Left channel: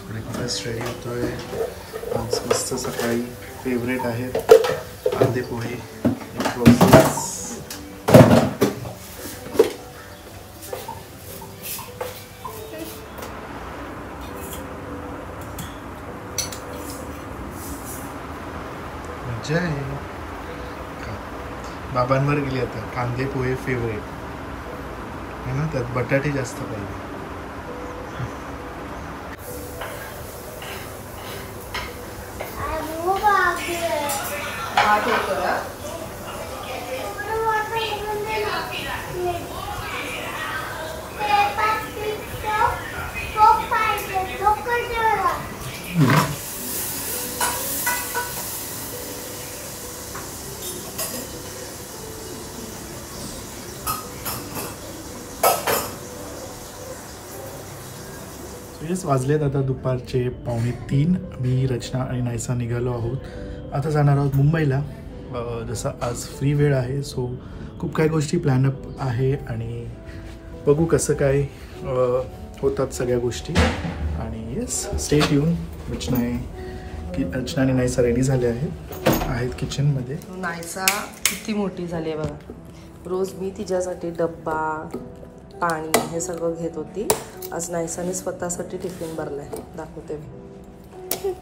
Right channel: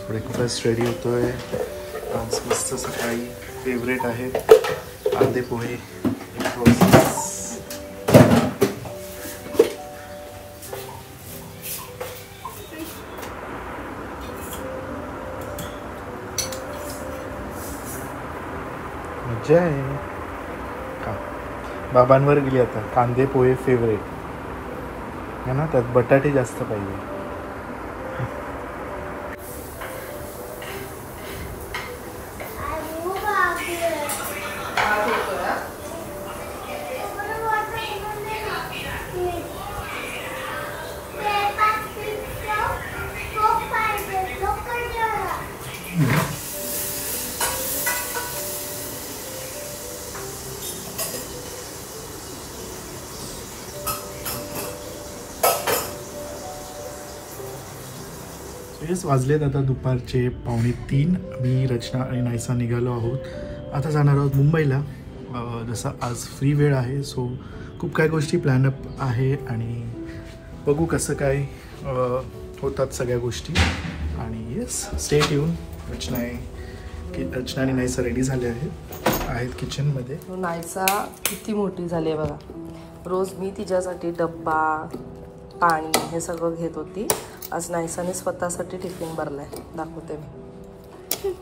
Breakfast ready होतोय आज मस्त सकाळी फेवरेट आहेत कांदे पोहे मजा आहे बाबांवर गेली आता कांदे पोहे फेवरेट है ना त्यात बटाटे जास्त पाहिजे वाजलेत आता दुपारचे 2:45 मी रचना आणि नायसा निघालो आहोत आता जाणार आहोत मुंबईला जसं आज फ्री वेळ आहे सो खूप काही गोष्टी प्लॅनअप आहे आणि बघू कसं काय होतात सगळ्या गोष्टी आणि येस स्टेट येऊन रचना आणि नायसा रेडी झाले आहेत किचनमध्ये. नायसा किती मोठी झाली आहे बघा. रोज मी तिच्यासाठी डब्बा पाणी हे सगळं घेत होती. आज नायसाने स्वतःसाठी टिफिन भरलाय दाखवते मी.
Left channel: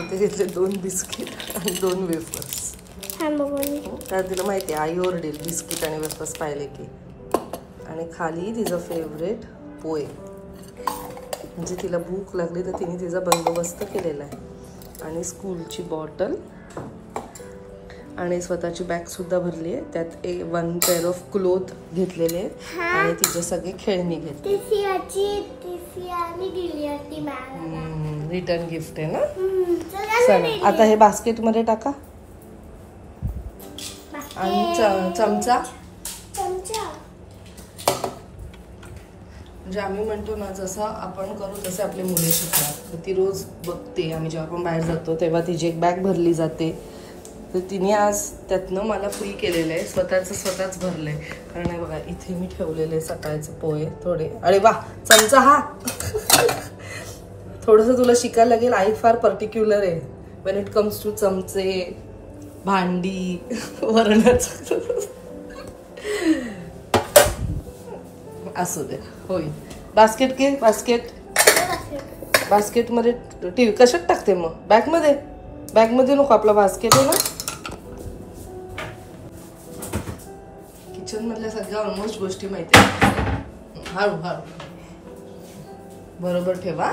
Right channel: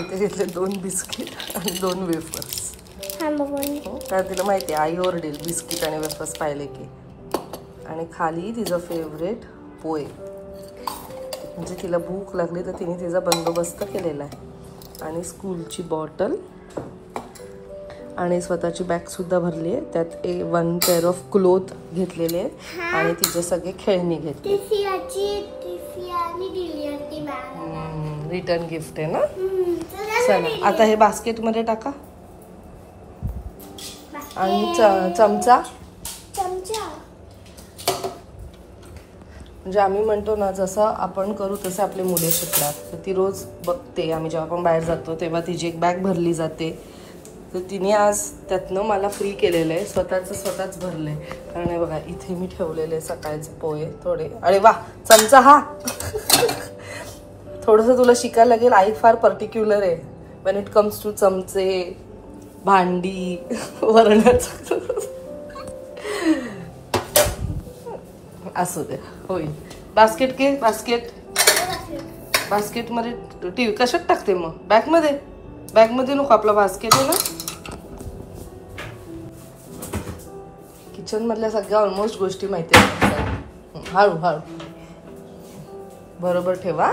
इथे घेतले 2 बिस्किट आणि 2 वेफर्स. काय तिला माहिती आहे आई ओरडेल बिस्किट आणि वेफर्स पाहिले की. आणि खाली तिचं फेवरेट पोहे म्हणजे तिला भूक लागली तर तिने तिचा बंदोबस्त केलेला आहे. आणि स्कूलची बॉटल आणि स्वतःची बॅग सुद्धा भरली आहे. त्यात 1 पेअर ऑफ क्लोथ घेतलेले आहेत आणि तिचे सगळे खेळणी घेतली. रिटर्न गिफ्ट आहे ना. चला आता हे बास्केट मध्ये टाका आणि चमचा म्हणजे आम्ही म्हणतो ना जसं आपण करू तसे आपले मुले शिकणार. तर ती रोज बघते आम्ही जेव्हा आपण बाहेर जातो तेव्हा तिची एक बॅग भरली जाते. तर तिने आज त्यातनं मला फ्री केलेलं आहे. स्वतःच भरलंय. कारण हे बघा इथे मी ठेवलेले सकाळचे पोहे थोडे. अरे वा चमचा हा थोडंसं तुला शिकायला लागेल. आई फार पर्टिक्युलर आहे व्हेन इट कम्स टू चमचे भांडी वरणाचं. असू दे होईल. बास्केट घे बास्केट मध्ये टीव्ही कशात टाकते मग बॅग मध्ये नको. आपला बास्केट आहे ना. किचन मधल्या सगळ्या ऑलमोस्ट गोष्टी माहिती आहेत. हळू बरोबर ठेवा.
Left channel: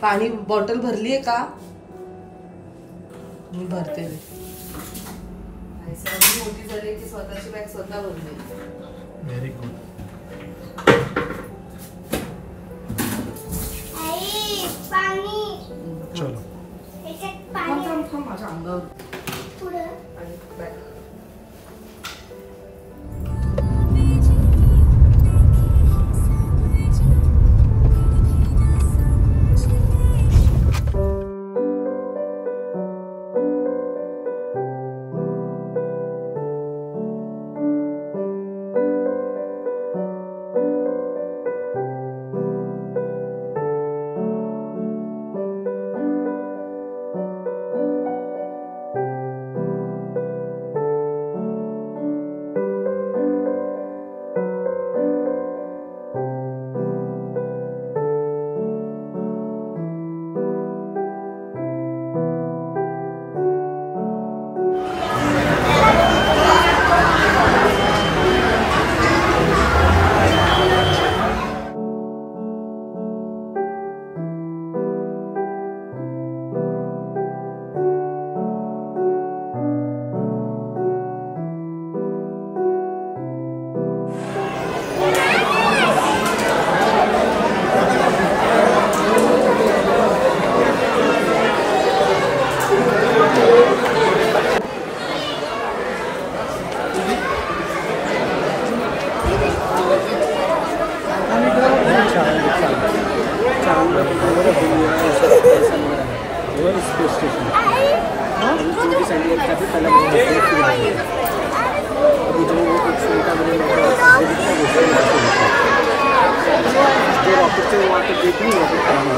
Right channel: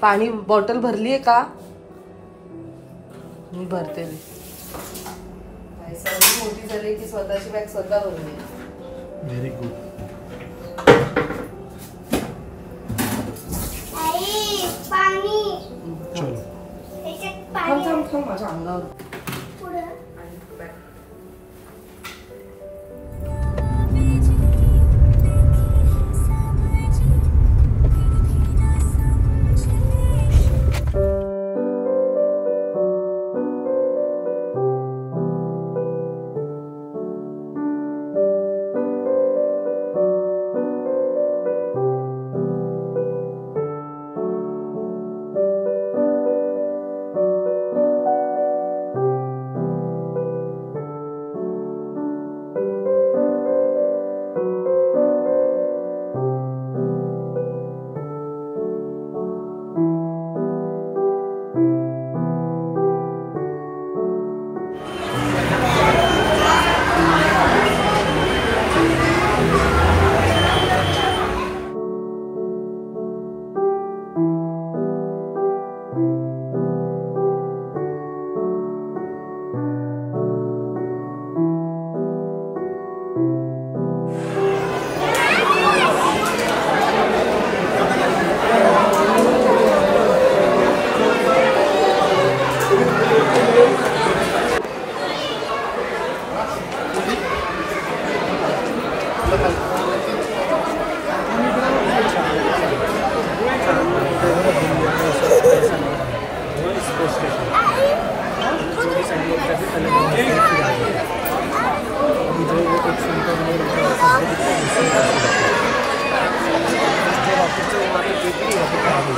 पाणी बॉटल भरली आहे का. मी भरते. मोठी झाली की स्वतःची बॅग स्वतः भरली. Very good. चलो थांब माझ्या अंगावर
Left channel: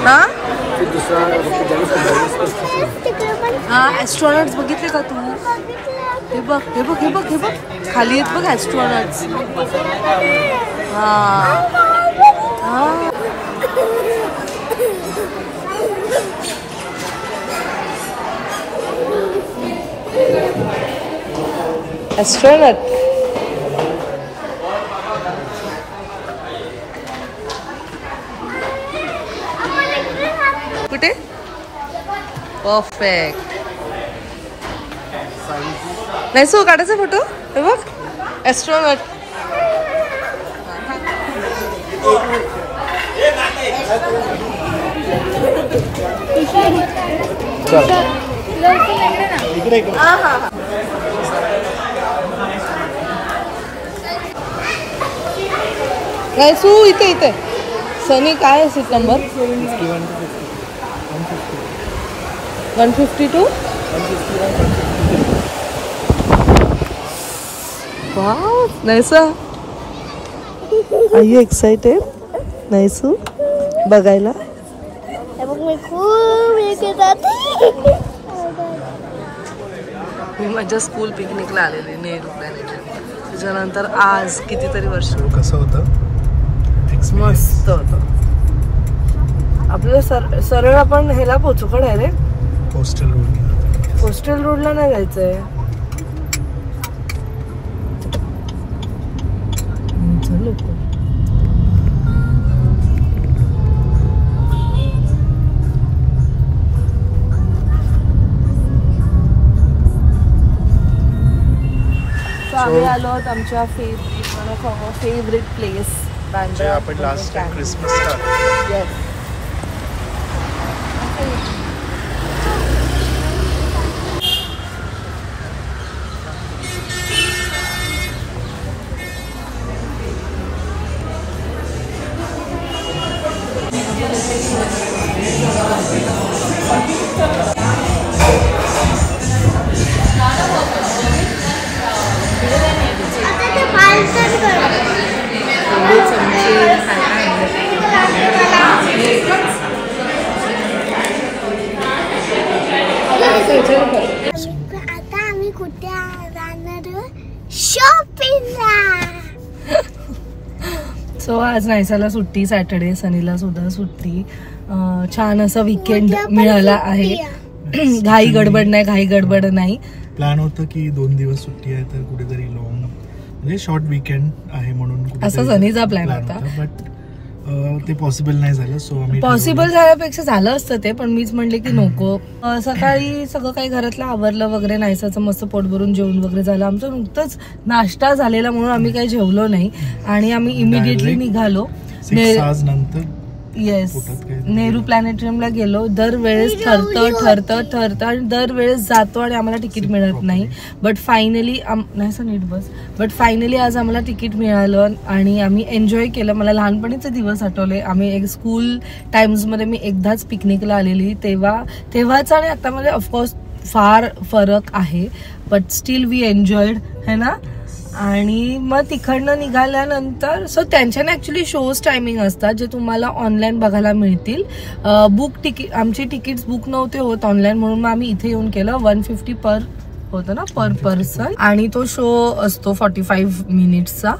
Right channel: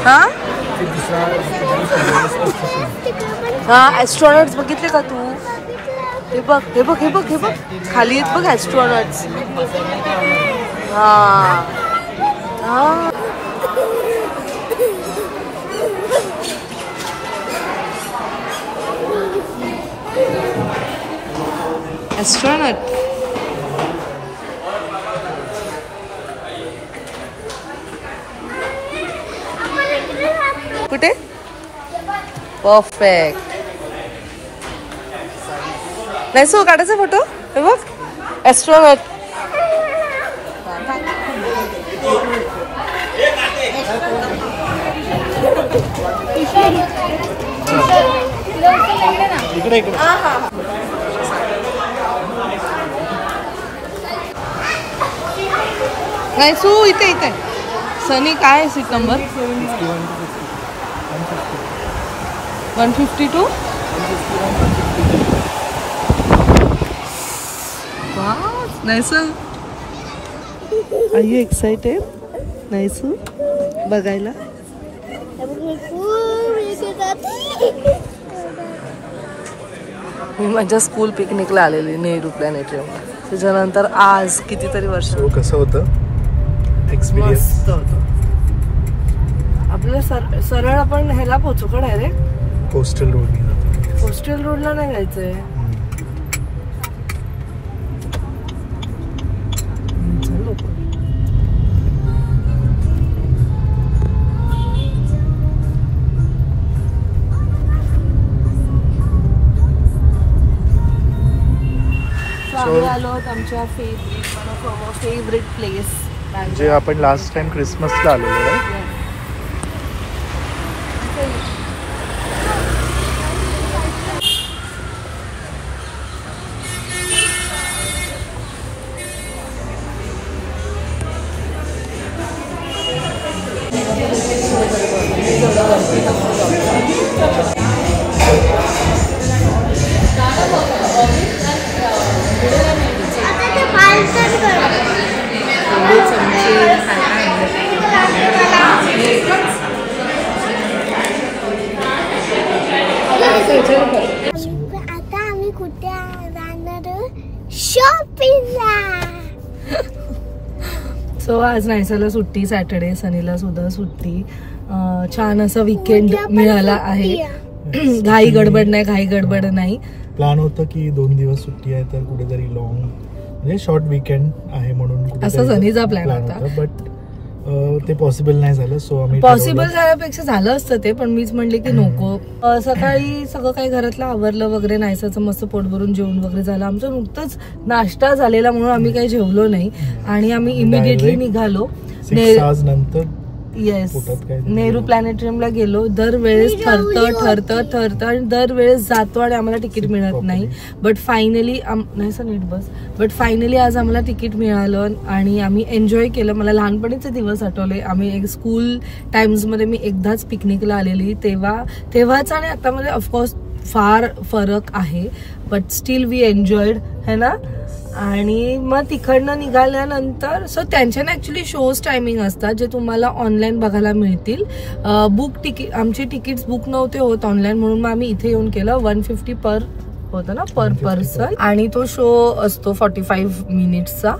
हा ऍस्ट्रॉनॉट्स बघितले का तू? हे बघ हे बघ हे बघ हे बघ खाली येत बघ ऍस्ट्रॉनॉट्स. हा हा ऍस्ट्रॉनॉट. कुठे? परफेक्ट. नाही सो काढायचा फोटो. हे बघ ऍस्ट्रॉनॉट. नाही सू इथे इथे. सनी काय आहे सीट नंबर? 152. वाव नाईसा. आर यू एक्साइटेड नाईसू बघायला? मी माझ्या स्कूल पिकनिकला आलेली नेहरू प्लॅनेटरियम. त्याच्यानंतर आज कितीतरी वर्ष. कसं होतं? मस्त होतं. आपल्याला सरळ आपण ह्याला पोहोचू का डायरेक्ट? कोस्टल रोडला नाही जायचंय. आम्ही आलो आहोत आमच्या फेवरेट प्लेस बँड्रा. आपण लास्ट टाइम क्रिसमसला आलो. आता आम्ही कुठे जाणार? शॉपिंगला. सो आज नायसाला सुट्टी, सॅटर्डे. सनीला सुद्धा सुट्टी. छान असा वीकेंड मिळाला आहे. घाई गडबड नाही. प्लॅन होतं की 2 दिवस सुट्टी आहे तर कुठेतरी लॉंग म्हणजे शॉर्ट वीकेंड आहे म्हणून असं सनीचा प्लॅन होता. बट ते पॉसिबल नाही झालं. सो आम्ही पॉसिबल झाल्यापेक्षा झालं असतं ते, पण मीच म्हणले की नको. सकाळी सगळं काही घरातलं आवरलं वगैरे. नायसाचं मस्त पोट भरून जेवण वगैरे झालं. आमचं नुकतंच नाश्ता झालेला म्हणून आम्ही काही जेवलो नाही आणि आम्ही इमिडिएटली निघालो. नंतर येस नेहरू प्लॅनेटरियमला गेलो. दरवेळेस ठरतं आणि दरवेळेस जातो आणि आम्हाला तिकीट मिळत नाही. बट फायनली नाही सर नीट बस. बट फायनली आज आम्हाला तिकीट मिळालं आणि आम्ही एन्जॉय केलं. मला लहानपणीचे दिवस आठवले. आम्ही एक स्कूल टाइम्समध्ये मी एकदाच पिकनिकला आलेली. तेव्हाच आणि आतामध्ये ऑफकोर्स फार फरक आहे. बट स्टील वी एन्जॉयड है ना. आणि मग तिकडनं निघाल्यानंतर सो त्यांच्याने ऍक्च्युली शोज टायमिंग असतात जे तुम्हाला ऑनलाईन बघायला मिळतील. आमची तिकीट्स बुक नव्हते होत ऑनलाईन म्हणून मग आम्ही इथे येऊन केलं. 150 पर होतं ना पर पर्सन आणि तो शो असतो 45 मिनिट्सचा.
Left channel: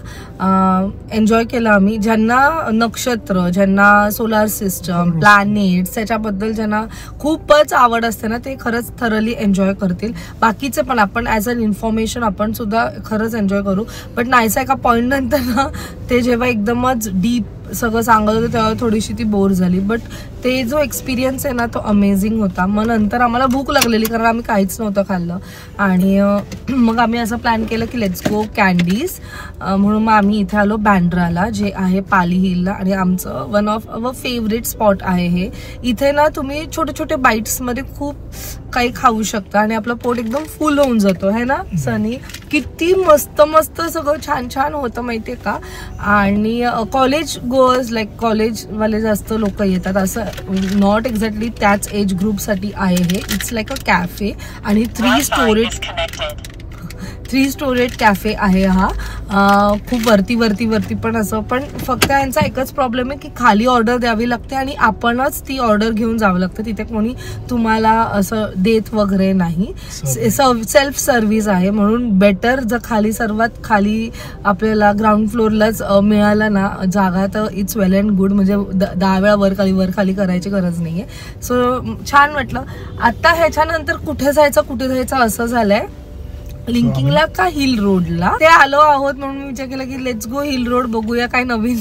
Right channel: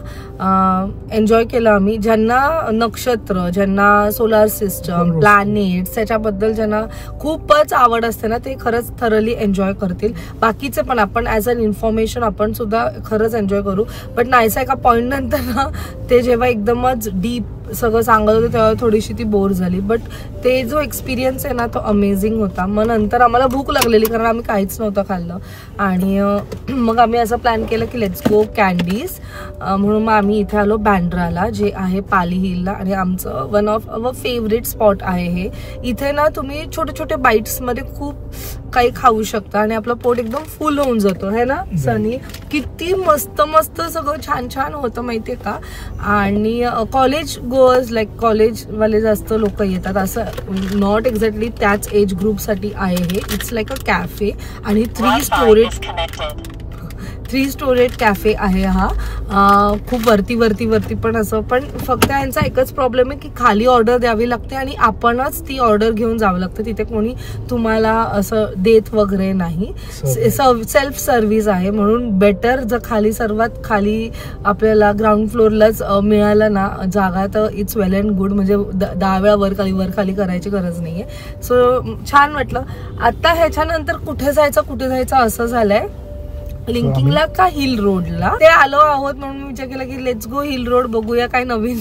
एन्जॉय केला आम्ही. ज्यांना नक्षत्र, ज्यांना सोलार सिस्टम, प्लॅनेट्स त्याच्याबद्दल ज्यांना खूपच आवड असते ना ते खरंच थरली एन्जॉय करतील. बाकीचे पण आपण ऍज अन इन्फॉर्मेशन आपण सुद्धा खरंच एन्जॉय करू. बट नाहीसा एका पॉइंट नंतर ना ते जेव्हा एकदमच डीप सगळं सांगत होते तेव्हा थोडीशी ती बोर झाली. बट ते जो एक्सपिरियन्स आहे ना तो अमेझिंग होता. मग नंतर आम्हाला भूक लागलेली कारण आम्ही काहीच नव्हतं खाल्लं आणि मग आम्ही असं प्लॅन केलं की लेट्स गो कॅन्डीज. म्हणून मग आम्ही इथे आलो बँड्राला जे आहे पाली हिलला आणि आमचं one of our favourite spot आहे हे. इथे ना तुम्ही छोटे छोटे बाईट्स मध्ये खूप काही खाऊ शकता आणि आपलं पोट एकदम फुल होऊन जातो है ना सनी. किती मस्त मस्त सगळं छान छान होतं माहितीये का. आणि कॉलेज गोअर्स लाईक कॉलेजवाले जास्त लोक येतात. असं नॉट एक्झॅक्टली त्याच एज ग्रुपसाठी आहे हे. इट्स लाईक अ कॅफे आणि 3 3 स्टोरेड कॅफे आहे हा. खूप वरती पण असं, पण फक्त यांचा एकच प्रॉब्लेम आहे की खाली ऑर्डर द्यावी लागते आणि आपणच ती ऑर्डर घेऊन जावं लागतं. तिथे कोणी तुम्हाला असं देत वगैरे नाही. सेल्फ सर्व्हिस आहे, म्हणून बेटर जर खाली सर्वात खाली आपल्याला ग्राउंड फ्लोअरलाच मिळालं ना जागा तर इट्स वेल अँड गुड. म्हणजे 10 वेळा वर खाली करायची गरज नाहीये. सो छान वाटलं. आता ह्याच्यानंतर कुठे जायचं असं झालंय. लिंकिंगला का हिल रोडला ते आलो आहोत, म्हणून मी विचार केला की लेट्स गो हिल रोड, बघूया काय नवीन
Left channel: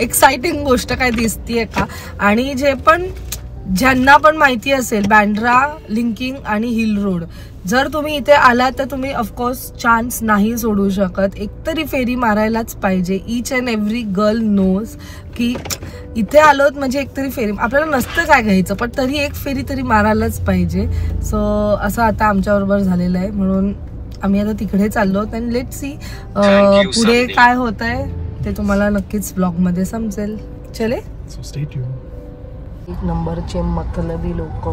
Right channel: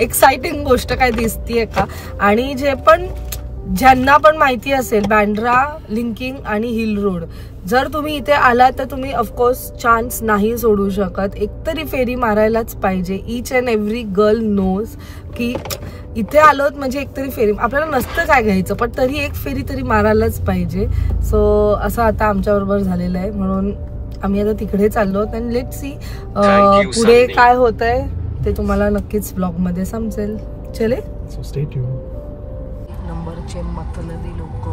एक्साइटिंग गोष्ट काय दिसतीये का. आणि ज्यांना पण माहिती असेल बँड्रा, लिंकिंग आणि हिल रोड, जर तुम्ही इथे आलात तर तुम्ही ऑफकोर्स चान्स नाही सोडू शकत. एकतरी फेरी मारायलाच पाहिजे. Each and every girl knows की इथे आलोत म्हणजे एकतरी फेरी, आपल्याला नसतं काय घ्यायचं पण तरी एक फेरी तरी मारायलाच पाहिजे. सो असं आता आमच्याबरोबर झालेलं आहे, म्हणून आम्ही आता तिकडे चाललो आहोत. आणि लेट्स सी पुढे काय होतंय ते तुम्हाला नक्कीच ब्लॉग मध्ये समजेल. चले, सो स्टे ट्यून. एक नंबरचे मतलबी लोक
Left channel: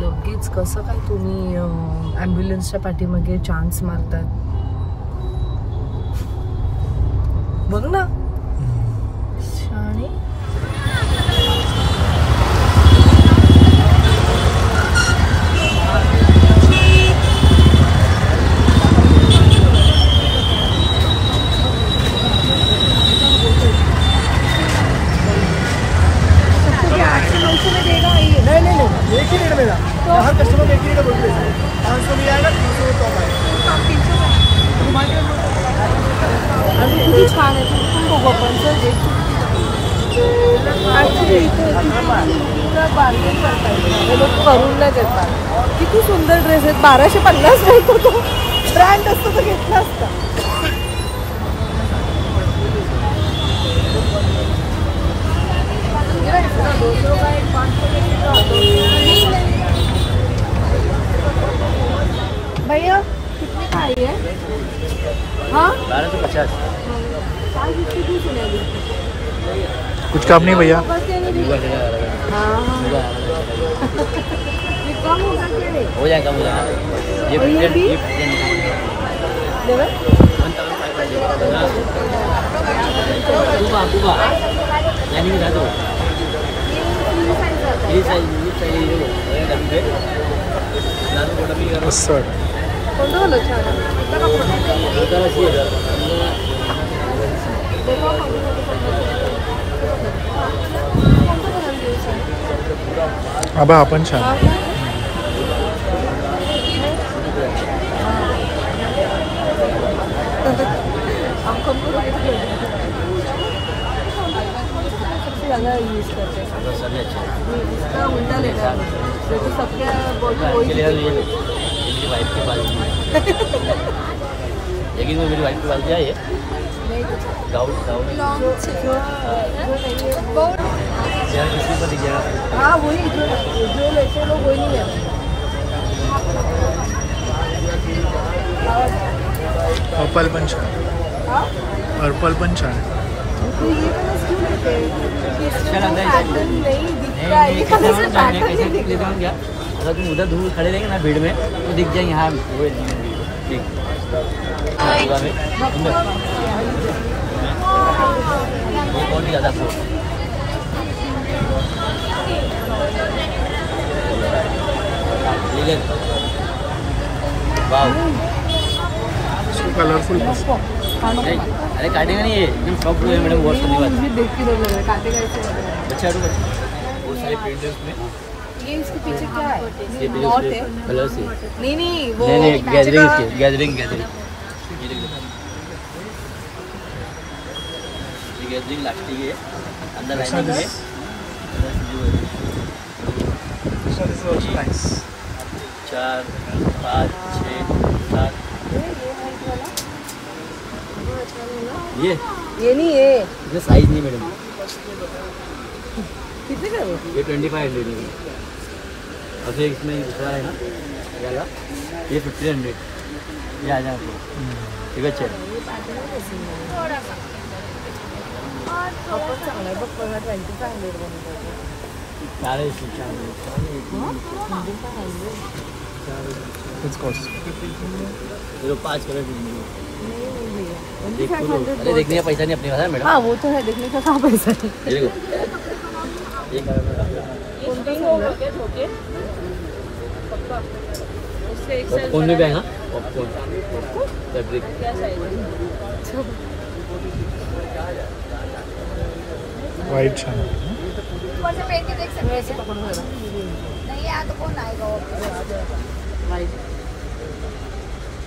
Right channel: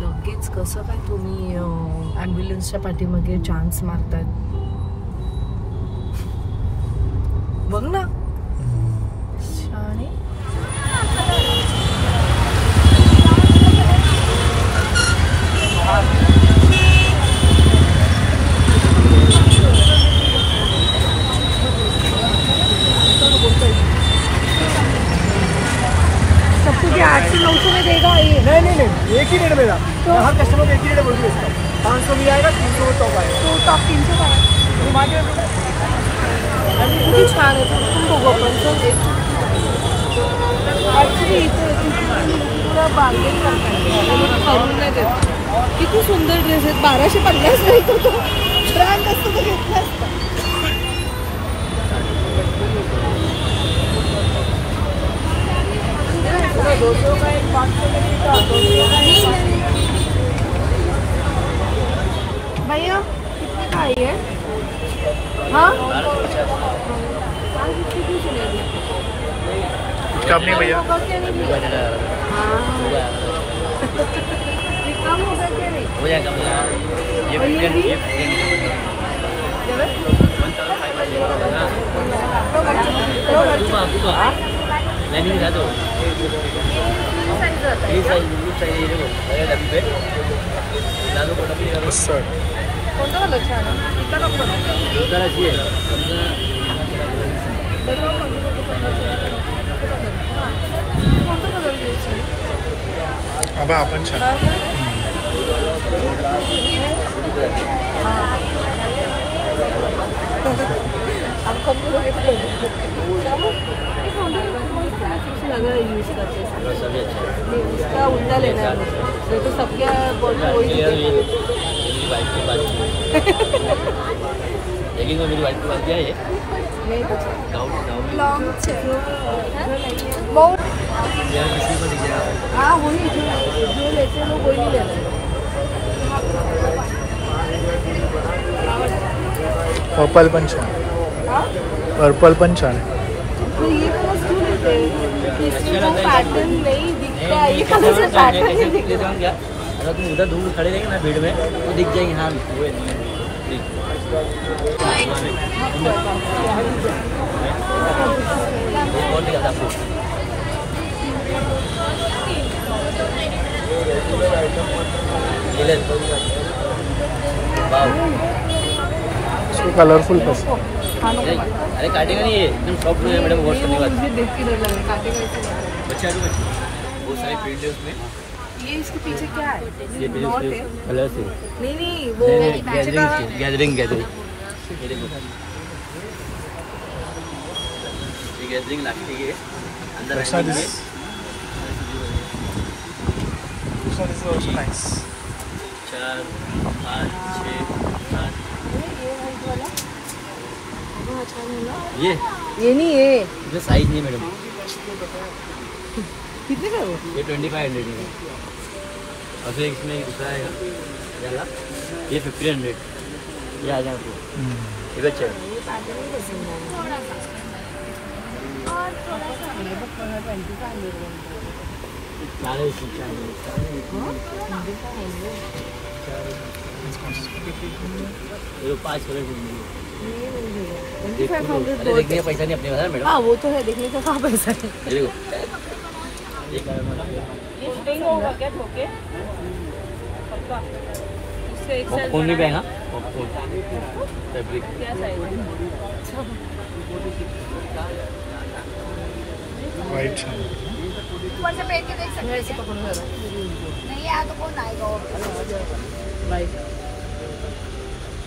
लगेच कसं काय तुम्ही ॲम्ब्युलन्सच्या पाठीमागे चान्स मारतात बघ ना शाणे. एक ही रेट मिलेगा, हर कस्टमर एक ही रेट बोल रहे हैं. 500 मिल जाएगा, 300 किती छान आहे. बघू आपण ऍक्च्युली इथं बार्गेन करतात, करून नाही देतात. किती सुंदर ड्रेस आहेत. 1250 बोलतो तो. ब्रँड असतो तर घेतला असता. भैया कितने का है? हाँ 1250. कुछ काम नहीं भैया. हाँ ये कम होगा क्या? नहीं हो जाएगा. आबा आपण छान. लगा यूज करते हैं. उसका उल्टा लेना है मुझे, तो सबके वही मेरी वाइफ की बात क्या है? नहीं तो यार किसी को दिख जाएगा. हाँ वही जो लेते लोग वही नहीं लेते. पर्पल पण छान. पर्पल पण छान आहे. तो ये कलर क्यों लेते हैं? इसमें वो पैटर्न नहीं दिखता है. ये कलर से पैटर्न नहीं दिखता. अगर तुम उधर दूर खड़े रहेंगे ना भीड़ में तो दिख जाएंगे. हाँ बहुत ज़्यादा कलरफुल. अरे काटेगा नहीं, ये एकदम सॉफ्ट है मैडम. वॉश करने के बाद मुझे देख के डर लग रहा है. काटेगा ऐसे. बच्चा बहुत सारे प्रिंट है उसमें. ये इसके पीछे क्या है? ये नॉट है. कलर से नहीं वो गैदरिंग. ये गैदरिंग लास्टिक है अंदर आएगा. This is also nice. 4, 5, 6, 7. ये नहीं है. ये साइज नहीं मैडम. कितने का है? ये 2500 है. और फिर इसमें दूसरा है ना ये 1500. ये आ जाए आपको. ठीक है चल. आपण चांगला बघ बघा 2500 बनतो. सारे 2500. 5 कलर देखने का पैसा नहीं अपने पास है मैडम। हाँ वो तो है, देखने का कहाँ पैसा है। पॉपकॉर्न भी आएगा, पॉपकॉर्न फैब्रिक। वाइट छान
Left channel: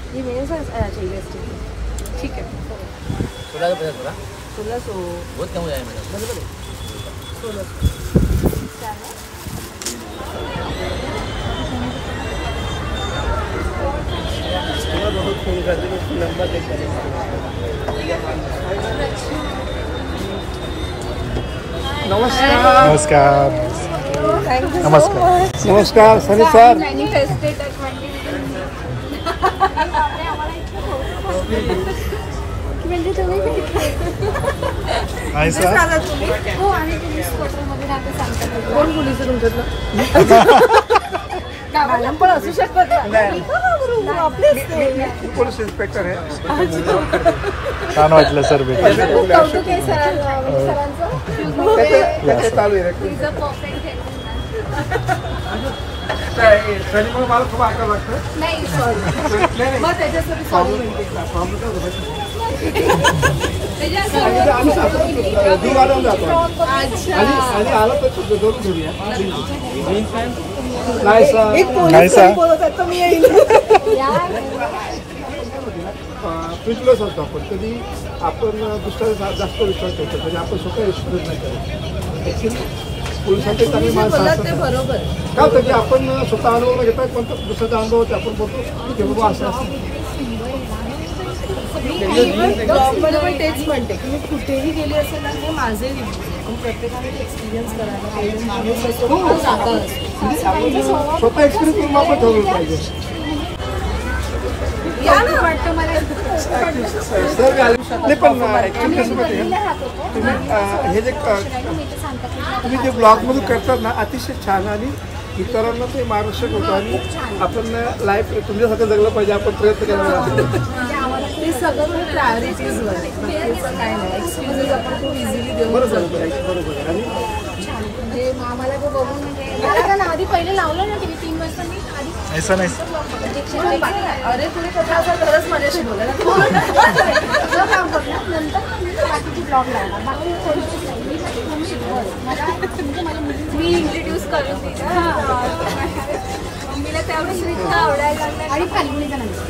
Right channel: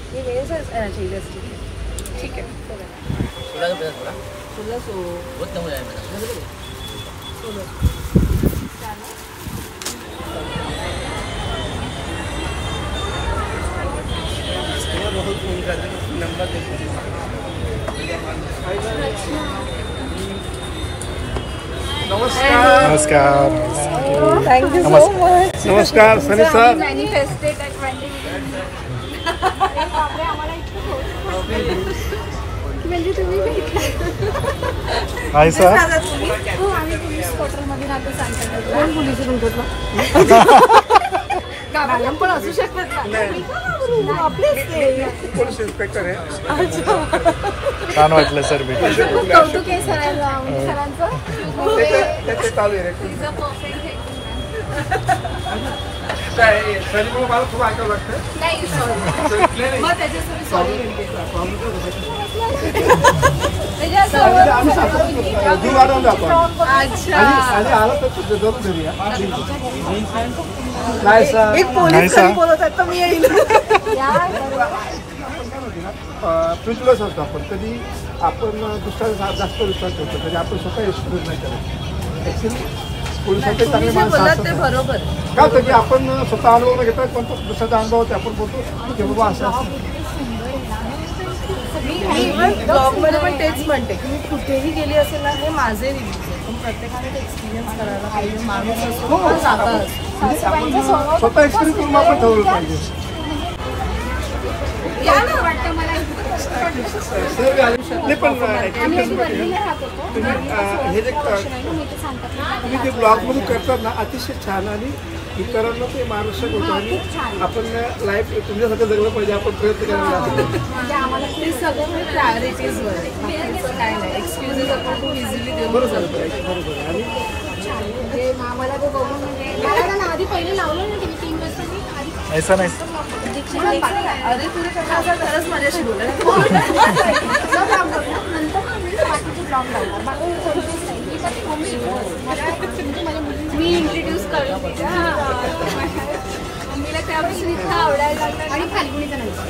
ये मेरे साथ चाहिए ठीक है। 1600 बहुत कम हो जाएगा। 1600 बहुत फोन कर दे, नंबर देखा नमस्कार थैंक यू नमस्कार नमस्कार सनी सर। म्हणजे तुम्ही हाय सर हो आम्ही पोलीस क्वार्टरमध्ये राहतो सांगतात कोण पोलीस तुमच्यातलं? मॅडम पण असू शकतात आपलेच पोलीस इन्स्पेक्टर आहे। छान वाटलं सर भेटून. खूप कौतुक आहे सरांचं त्याचे चालू आहे रे। सनी मला खूप ऐकावं लागतं। नाही सॉरी मग त्याच्यासाठी सॉरी म्हणते। दूर वाढवून जातो अच्छा आणि आलं तर जरूर घरी या। नाही सर एक पोलीस बोलत आहेत तर मी येईल। प्रिन्सिपल्स असतो आपण, कधी आपण दुसऱ्याला जास्त विश्वास ठेवतो, कधी आपण स्वतः एक्सपिरियन्स नाही करत। ॲक्च्युली पोलिसांचे चांगले माणसं असतात बरोबर का होतं की आपण स्वतः अनुभव घेतात, पण दुसऱ्याचा अनुभव होते आपण बोलतो की बाबा असं असतं। ब्लॉगमध्ये पण तेच म्हणते की मी कुठेही गेली असेल ना, हे माझे रिव्ह्यूज आहे, तुम्ही प्रत्येकाने ते एक्सपिरियन्स करायला पाहिजे। माणूस असो पण जागा असो, स्वतः एक्सपिरियन्स करून आपण ठेवलं पाहिजे। वाटतं मला सर नाही पण हे जे तुम्ही जे ब्लॉगमधून करतात ना, अतिशय छान आणि इतरांना ते मार्गदर्शक होतं आणि आपण लाईफ तुमच्यासाठी जगलं पाहिजे, आपण प्रयत्न करायला ते सगळं प्रायोरिटीजवर आहे, बाकीचं काय नाही। एक्सक्युजेस आपण खूप इझिली देऊ बरोबर बरोबर आणि म्हणजे आम्हाला तो बघून म्हणजे मला ना आधी पहिले लावलं ना TV 3 वर्षांनी आधी ऐसा नाही अरे तुला कथा असं खरंच माझ्याशी बोला ना। नंतर बाकीचे ब्लॉग लावणार बाकी मी इंट्रोड्यूस करून दिलं मम्मीला त्यावेळेस इतकं आवडायला लागलं आणि फाल्गुनीचा नंतर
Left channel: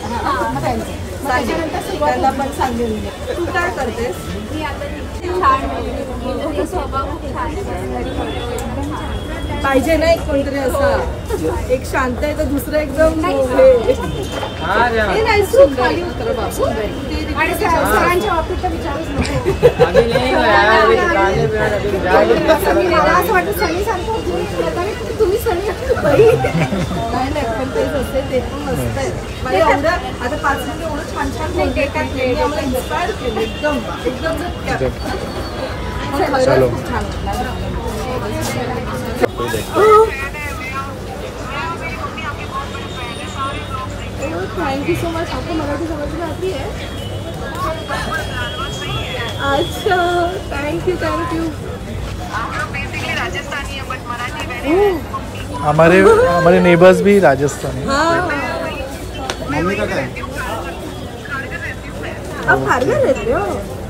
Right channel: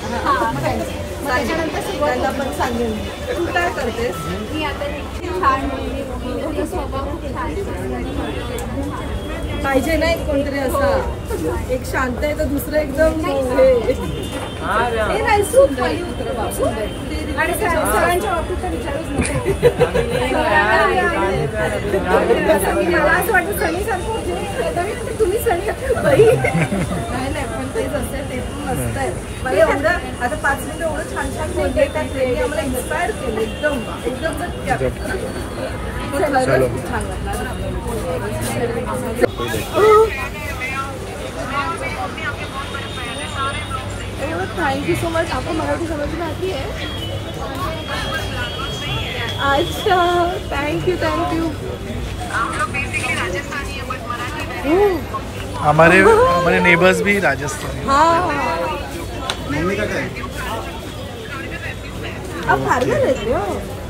त्याच्यानंतर सुरुवातीला पण सांगेल तू काय करतेस? मी आता छान स्वभाव छान पाहिजे ना एक कोणतरी असा, एक शांत आहे तर दुसरं एकदम नाही सुंदर आणि सगळ्यांच्या बाबतीत तर विचारच नको मला असं वाटतं सनी सांगतो तुम्ही सनी नाही पण तेच असते, ते पण मस्त आहे। मला एवढं आता 5 मिनिटं एवढं छान छान बोलते की त्यांनी आम्हाला इन्स्पायर केलं एकदम एकदम चलो खूप छान वाटलं। Thank you so much. आपको मराठी समझ में आती है? अच्छा थैंक यू हमारे नेबर्स भी राजस्थानी। हाँ मम्मी का काय आप खारिया लेते हो?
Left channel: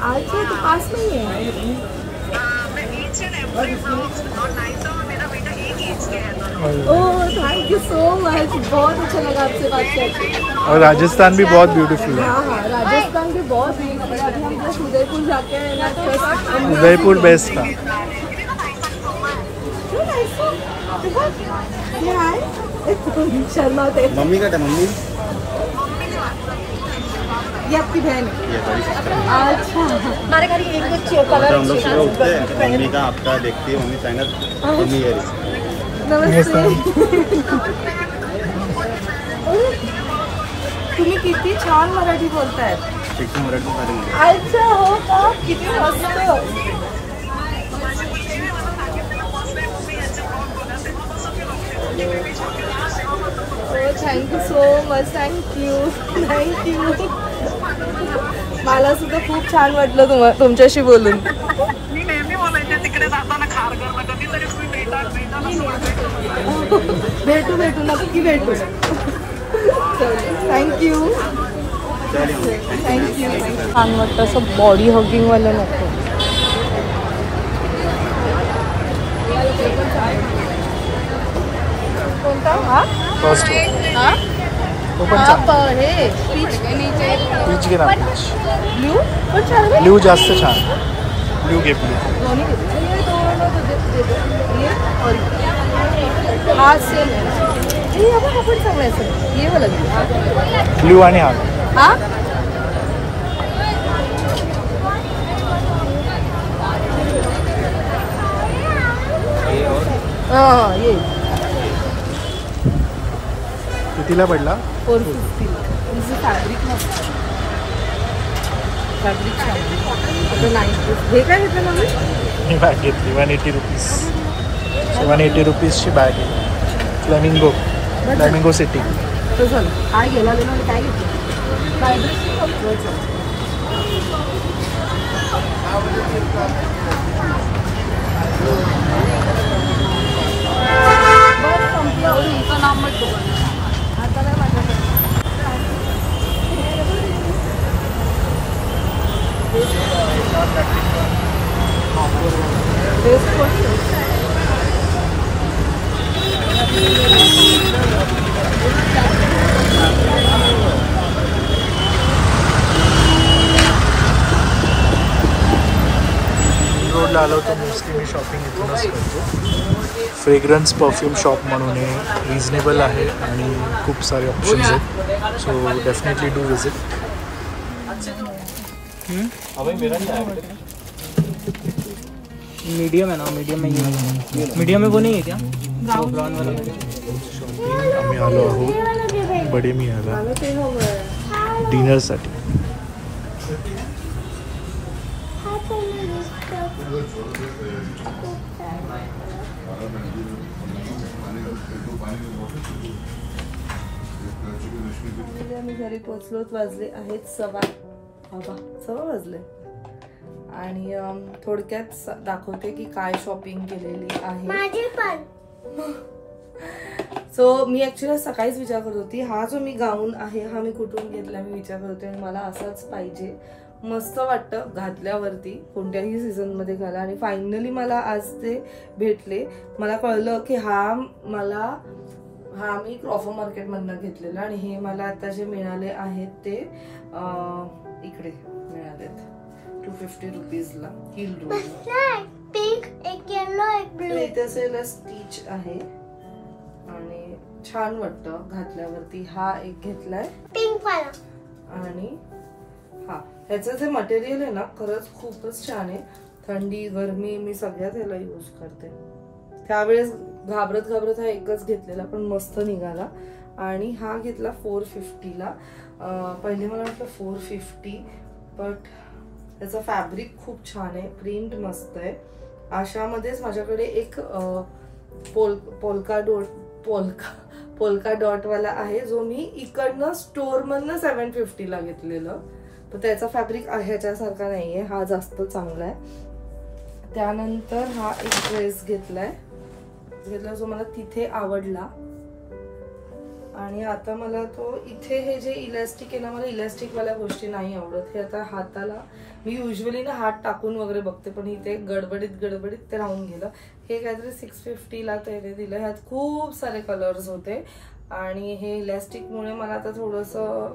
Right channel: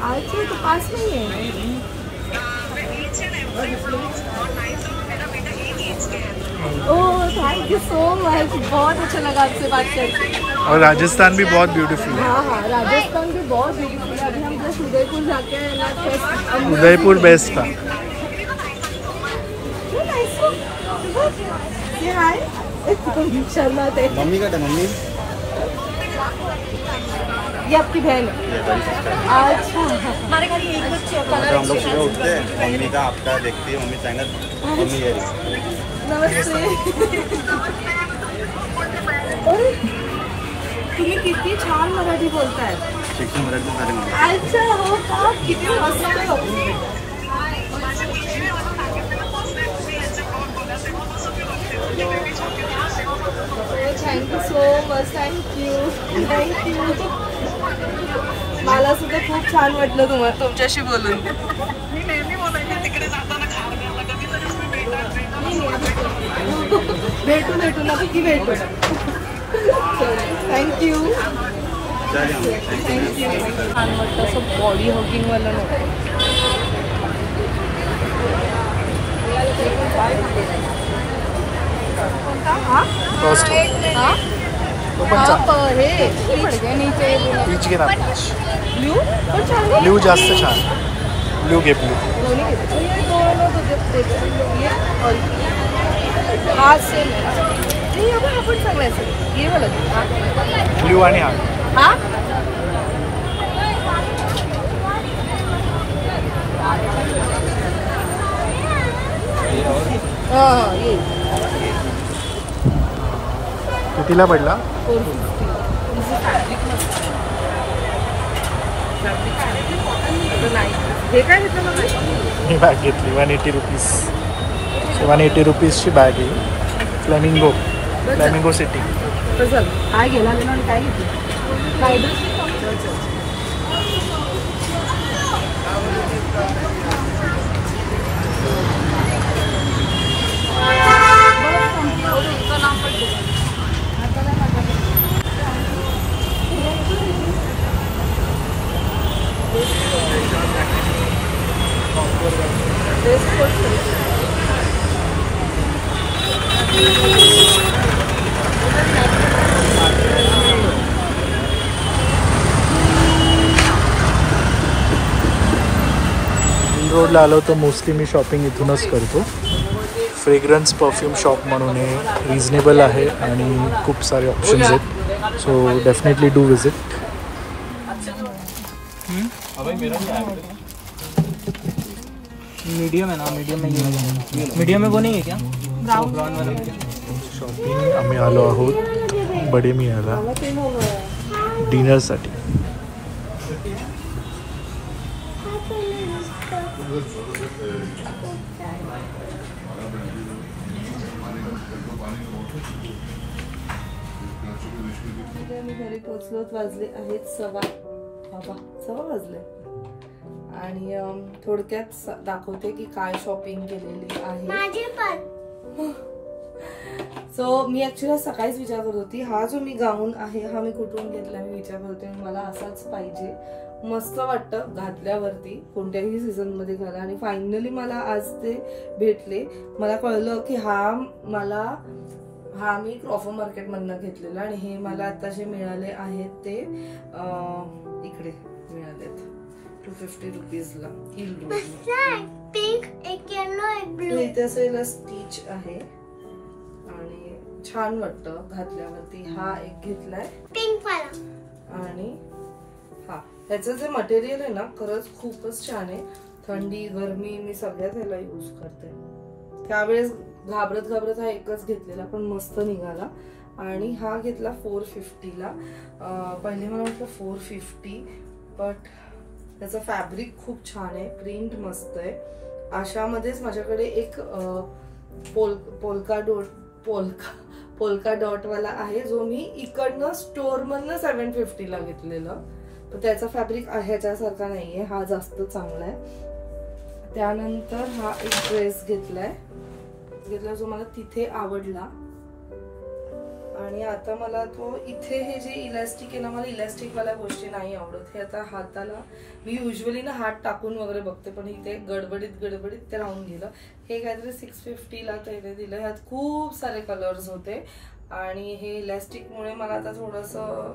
आज तो पास में ही है। Oh thank you so much, बहुत अच्छा लगा आपसे बात करके। और राजस्थान भी बहुत ब्यूटीफुल है। हाँ राजस्थान भी बहुत ब्यूटीफुल है। अभी हम जस्ट उदयपुर जाके आए ना, उदयपुर बेस्ट था। शर्माते। मम्मी का मम्मी ये आपकी बहन है? अच्छा हमारे घर एक बच्चे हम लोग सुबह उठते हैं, मम्मी का आपका देखती है, मम्मी चाइना मम्मी ये नमस्ते। तुम्ही किती छान मराठी बोलताय। शिक्षण मराठी शाळेमध्ये। अच्छा हो का, किती मस्त। Thank you so much. थँक्यू. मला सुद्धा खूप छान वाटलं तुमच्याशी बोलून. मी नेहमी बोलायचे तिकडे जाताना खारघरला कधीतरी भेटू नक्की भेटू. थँक्यू. छान वाटतं असं बॉडी हॉगिंग वालं नको. पीच घे ना. ब्ल्यू जास्त छान. ब्ल्यू घे. ब्ल्यू आणि हा कितीला पडला? 450. मी बॅग घेतली 180 रुपीज. 180 रुपीजची बॅग आहे. Flamingo city. काय गेला आणि काय घेतलं? रोडला आलो तर मोस्टली मी शॉपिंग इथूनच करतो. फ्रेग्रन्स परफ्यूम शॉप म्हणून हे रिजनेबल आहे आणि खूप सारे ऑप्शन्स आहेत. So definitely do visit. Medium है ना. मीडियम में वो नहीं है क्या? शॉपिंग आम्ही आलो आहोत बडे मियाला डिनरसाठी. आम्ही घरी पोहोचलो. वाजले आहेत 6 वाजले. आणि थोडक्यात दाखवते की काय शॉपिंग केलेली आहे. सो मी ऍक्च्युली सकाळीच विचार करत होती हा जो मी गाऊन आहे हा मी कुठून घेतला. मी विचार करते आणि मला असाच पाहिजे. मस्त वाटतं घातल्यावरती कोणत्याही सीझन मध्ये घाला. आणि फायनली मला आज ते भेटले. मला कळलं की हा मी क्रॉफर मार्केट मधनं घेतलेला आणि हे मला आता जे मिळाले आहेत ते इकडे मिळालेत 250 रुपीजला. हिल पिंक, एक येलो, एक ब्लू. इथे असेल स्टिच आहे आणि छान वाटतं घातल्यावरती. हा एक घेतलाय पिंक वाला. आणि हा ह्याचं जे मटेरियल आहे ना खरंच खूपच छान आहे. थंडी गरमी मी सगळ्यात ह्याला यूज करते. त्यावेळेस घाबरत हा एकच घेतलेला पण मस्त निघाला. आणि हा घेतला 450ला. पहिले मला वाटलं 450 बट त्याचं फॅब्रिक खूप छान आहे. प्रिंट मस्त आहे. अशामध्येच माझ्याकडे एक पोल्का डॉट वाला आहे जो मी इकडनं स्टोर मधनं 750ला घेतलेलं. पण त्याचा फॅब्रिक ह्याच्यासारखा नाहीये. हा जास्त चांगला आहे. त्यानंतर हा एक ड्रेस घेतला जो मला तिथे आवडला. आणि आता मला तो इथे हे जे इलास्टिक आहे ना मला इलास्टिक वाल्या गोष्टी नाही आवडत. हे आता हाताला मी युजली ना हात टाकून वगैरे बघते पण इथे गडबडीत ते राहून गेलं. हे काहीतरी 650ला त्याने दिलं. ह्यात खूप सारे कलर्स होते आणि हे इलास्टिकमुळे मला आता थोडंसं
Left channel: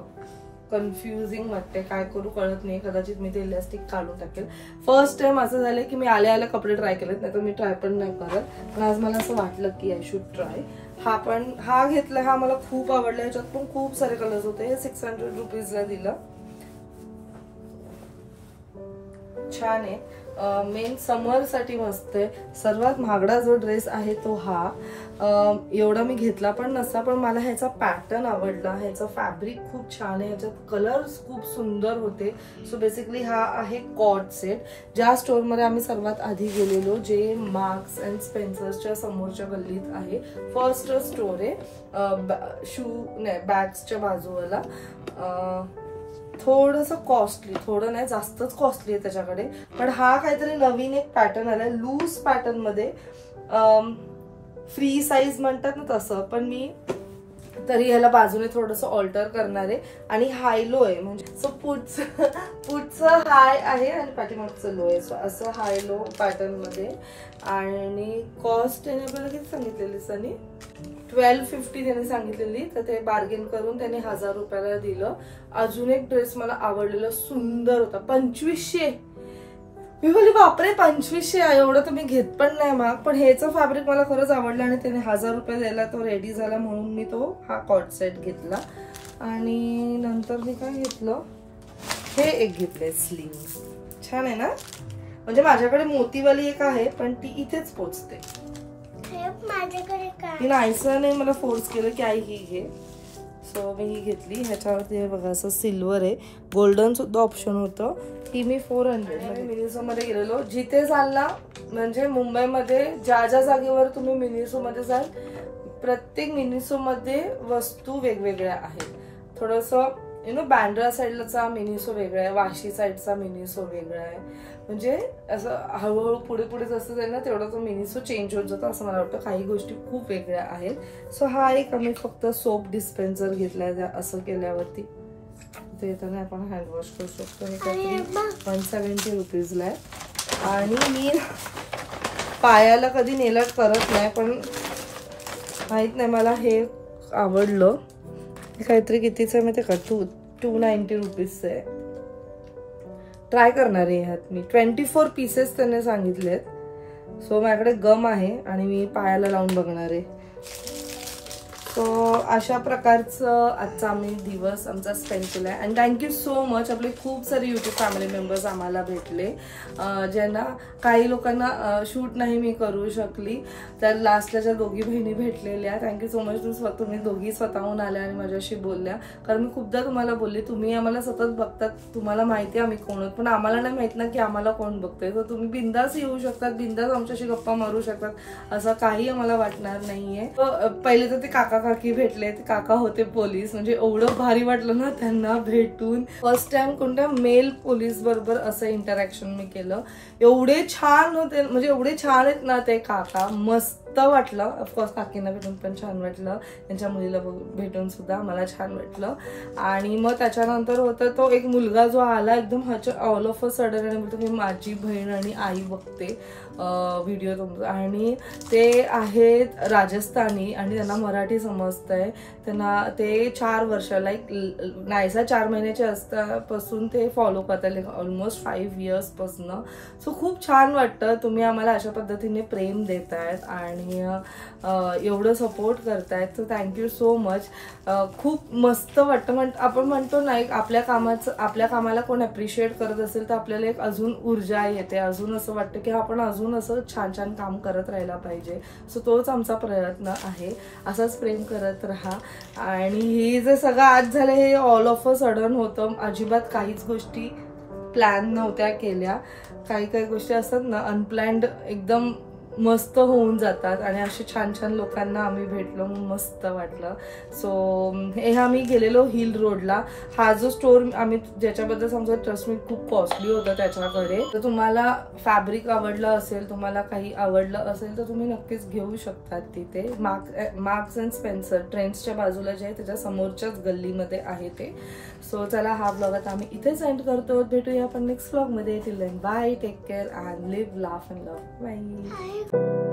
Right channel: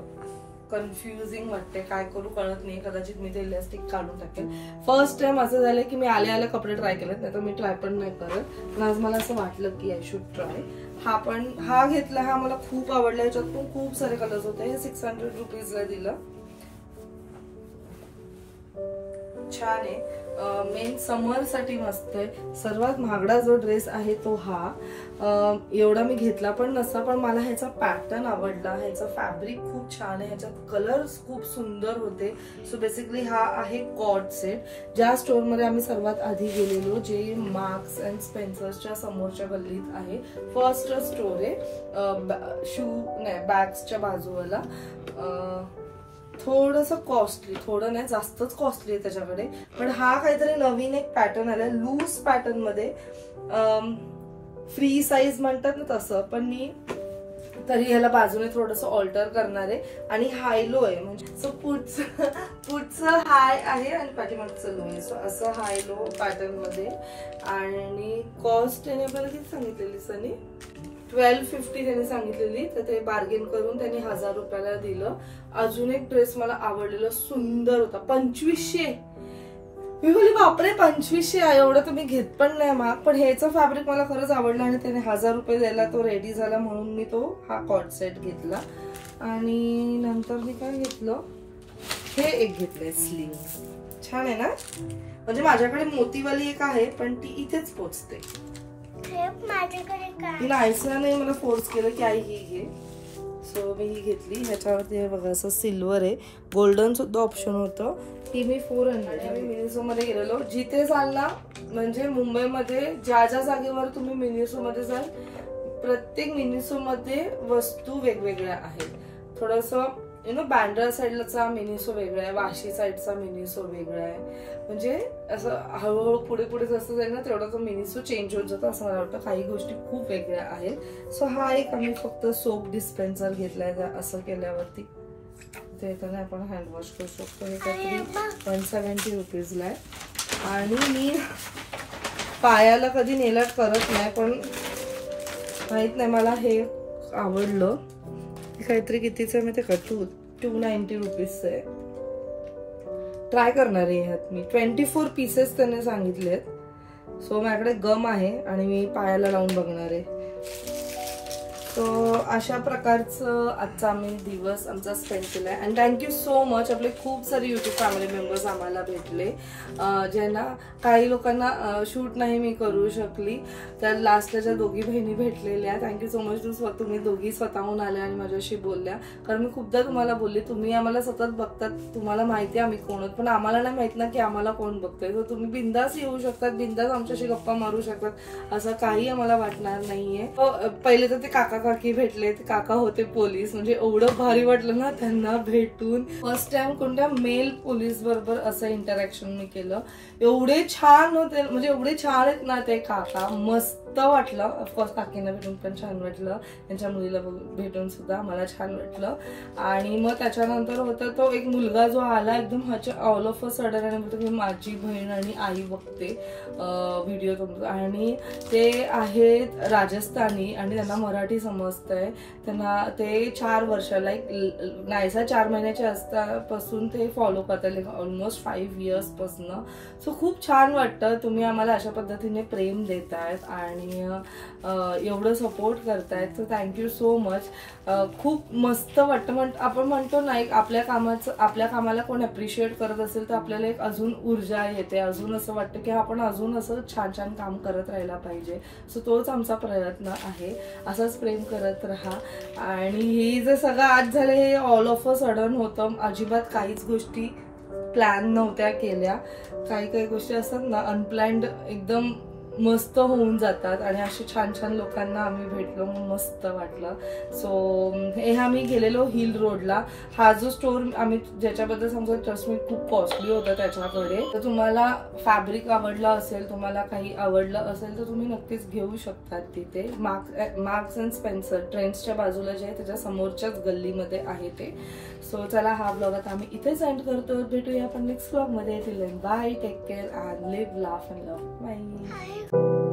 कन्फ्युजिंग वाटते. काय करू कळत नाही. कदाचित मी ते इलास्टिक काढून टाकेल. फर्स्ट टाइम असं झालं की मी आले कपडे ट्राय केलेत. नाही तर मी ट्राय पण नाही करत. पण आज मला असं वाटलं की आय शुड ट्राय. हा घेतला. हा मला खूप आवडला. ह्याच्यात पण खूप सारे कलर्स होते. हे 600 रुपीजला दिलं. छान आहे. मेन समर साठी मस्त आहे. सर्वात महागडा जो ड्रेस आहे तो हा. एवढा मी घेतला पण नसता, पण मला ह्याचा पॅटर्न आवडला, ह्याचा फॅब्रिक खूप छान आहे, ह्याच्यात कलर्स खूप सुंदर होते. सो बेसिकली हा आहे कॉर्ड सेट, ज्या स्टोअरमध्ये आम्ही सर्वात आधी गेलेलो, जे मार्क्स अँड स्पेन्सर्सच्या समोरच्या गल्लीत आहे. फर्स्ट स्टोर आहे बॅग्सच्या बाजूला. थोडंसं कॉस्टली, थोडं नाही जास्तच कॉस्टली आहे त्याच्याकडे, पण हा काहीतरी नवीन एक पॅटर्न आलाय लूज पॅटर्न मध्ये. फ्री साईज म्हणतात ना तसं, पण मी तरी ह्याला बाजूने थोडंसं ऑल्टर करणार आहे. आणि हाय लो आहे, म्हणजे सो पुढचं हाय आहे आणि पाठीमागचं लो आहे. सो असं हाय लो पॅटर्न मध्ये. आणि कॉस्ट त्याने आपल्याला किती सांगितलेली सनी? 1250 त्याने सांगितलेली, तर ते बार्गेन करून त्याने 1000 रुपयाला दिलं. अजून एक ड्रेस मला आवडलेला, सुंदर होता, 2500. मी बोलली बापरे 2500, एवढं तर मी घेत पण नाही महाग, पण ह्याचं फॅब्रिक मला खरंच आवडलं आणि त्याने 1000 रुपये द्यायला तो रेडी झाला, म्हणून मी तो हा कॉर्ड सेट घेतला. आणि नंतर मी काय घेतलं, हे एक घेतलंय स्लीव्ह, छान आहे ना. म्हणजे माझ्याकडे मोतीवाली एक आहे पण ती इथेच पोचते. ती नायसाने मला फोर्स केलं की आई ही घे, सो मी ही घेतली. ह्याच्यावरती बघा असं सिल्वर आहे, गोल्डन सुद्धा ऑप्शन होतं. ही मी 400 मिनिसो मध्ये गेलेलो. जिथे जाल ना, म्हणजे मुंबईमध्ये ज्या ज्या जागेवर तुम्ही मिनिसो मध्ये जाल, प्रत्येक मिनिसो मध्ये वस्तू वेगवेगळ्या आहेत. थोडंसं बँड्रा साईडचा मिनिसो वेगळा आहे, वाशी साईडचा मिनिसो वेगळा आहे. म्हणजे असं हळूहळू पुढे पुढे जसं जाईल ना तेवढा तो मिनिसो चेंज होत जातो असं मला वाटतं. काही गोष्टी खूप वेगळ्या आहेत. सो हा एक आम्ही फक्त सोप डिस्पेन्सर घेतलाय असं केल्यावरती. ते त्याने आपण हँडवॉश करू शकतो. हे काहीतरी 170 रुपीजला आहे. आणि मी पायाला कधी नेल आर्ट करत नाही, पण माहित नाही मला हे आवडलं. काहीतरी कितीचं आहे माहिती का, 290 रुपीजचं आहे. ट्राय करणार आहे ह्यात मी. 24 पीसेस त्याने सांगितलेत. सो माझ्याकडे गम आहे आणि मी पायाला लावून बघणार आहे. सो अशा प्रकारचं आजचा आम्ही दिवस आमचा स्पेंड केलाय. And thank you so much. आपले खूप सारे युट्यूब फॅमिली मेंबर्स आम्हाला भेटले, ज्यांना काही लोकांना शूट नाही मी करू शकली, तर लास्टला ज्या दोघी बहिणी भेटलेल्या, थँक्यू सो मच. तुम्ही दोघी स्वतःहून आल्या आणि माझ्याशी बोलल्या. कारण मी खूपदा तुम्हाला बोलले, तुम्ही आम्हाला सतत बघतात, तुम्हाला माहिती आहे आम्ही कोण आहोत, पण आम्हाला नाही माहित ना की आम्हाला कोण बघतोय. तर तुम्ही बिंदास येऊ शकतात, बिंदास आमच्याशी गप्पा मारू शकतात, असं काही आम्हाला वाटणार नाहीये. पहिले तर ते काका काकी भेटले, ते काका होते पोलीस, म्हणजे एवढं भारी वाटलं ना त्यांना भेटून. फर्स्ट टाइम कोणत्या मेल पोलीस बरोबर असं इंटरॅक्शन मी केलं. एवढे छान होते, म्हणजे एवढे छान आहेत ना ते काका, मस्त वाटलं. ऑफकोर्स काकींना भेटून पण छान वाटलं, त्यांच्या मुलीला भेटून सुद्धा मला छान वाटलं. आणि मग त्याच्यानंतर होतं तो एक मुलगा जो आला एकदम ह्याच्या ऑल ऑफ अ सडन आणि बोलतो की माझी बहीण आणि आई बघते व्हिडिओ तुमचा. आणि ते आहेत राजस्थानी आणि त्यांना मराठी समजतंय. त्यांना ते 4 वर्ष लाईक नायसा 4 महिन्याचे असतापासून ते फॉलो करतात, ऑलमोस्ट 5 इयर्स पासून. सो खूप छान वाटतं, तुम्ही आम्हाला अशा पद्धतीने प्रेम देतायत आणि एवढं सपोर्ट करतायत. तर थँक्यू सो मच. खूप मस्त वाटतं. आपण म्हणतो ना, आपल्या कामाला कोण अप्रिशिएट करत असेल तर आपल्याला एक अजून ऊर्जा येते, अजून असं वाटतं की आपण अजून असं छान छान काम करत राहायला पाहिजे. सो तोच आमचा प्रयत्न आहे. असंच प्रेम करत राहा. आणि हे जे सगळं आज झालं हे ऑल ऑफ अ सडन होतं. अजिबात काहीच गोष्टी प्लॅन नव्हत्या केल्या. काही गोष्टी असतात ना अनप्लॅन्ड, एकदम मस्त होऊन जातात. आणि असे छान छान लोकांना आम्ही भेटलो, मस्त वाटलं. सो हे आम्ही गेलेलो हिल रोडला. हा जो स्टोर आम्ही ज्याच्याबद्दल समजा ट्रस्ट मी खूप कॉस्टली होता त्याच्याकडे. तर तुम्हाला फॅब्रिक आवडलं असेल, तुम्हाला काही आवडलं असेल तर तुम्ही नक्कीच घेऊ शकतात तिथे. मार्क्स अँड स्पेन्सर ट्रेंड्सच्या बाजूला जे आहे त्याच्या समोरच्याच गल्लीमध्ये आहे ते. सो चला, हा ब्लॉग आता आम्ही इथेच एंड करतो. भेटूया आपण नेक्स्ट ब्लॉग मध्ये. Till then bye, take care and live, laugh and love. Bye.